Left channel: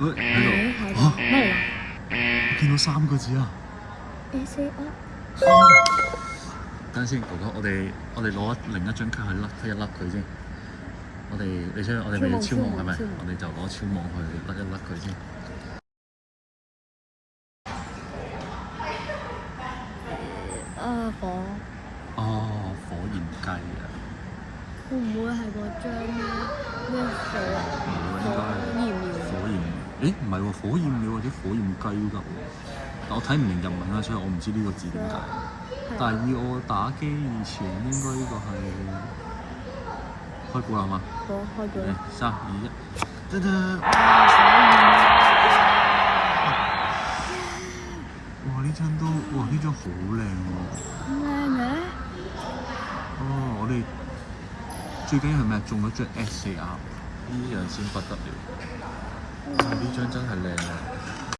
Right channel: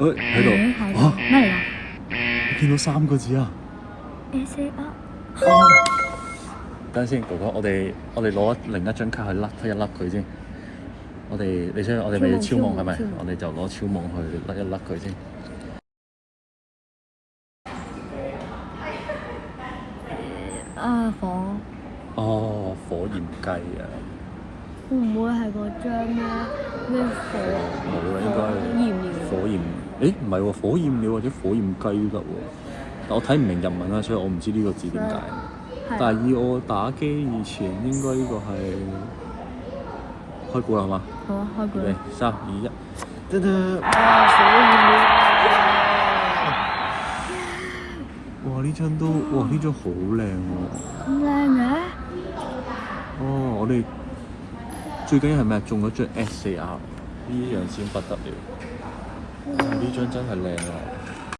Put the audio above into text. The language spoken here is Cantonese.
誒喺度啊！咩我見到3個字啊！嚟？SA8。等陣先，哥哥，我哋攞另一張卡去甩一甩佢先。你知我哋咪要超網係咪？我哋就攞超網去甩一甩佢先。哦，火焰雞啊！會唔會係嗰張咧？冇啦，應該火焰。誒唔係喎，火焰鳥或者火焰雞都得喎。但我睇唔明日文啦，所以我唔知呢個字點解。但係以我打機以前，應該呢個係開估啦，係嘛？好啊，開估。預備3、2、1，噔噔！哇！呢張好靚喎。咁靚嘅？哦，我哋最緊要係咩？中咗張 SAR，呢樣先不得了。呢張真係靚啊！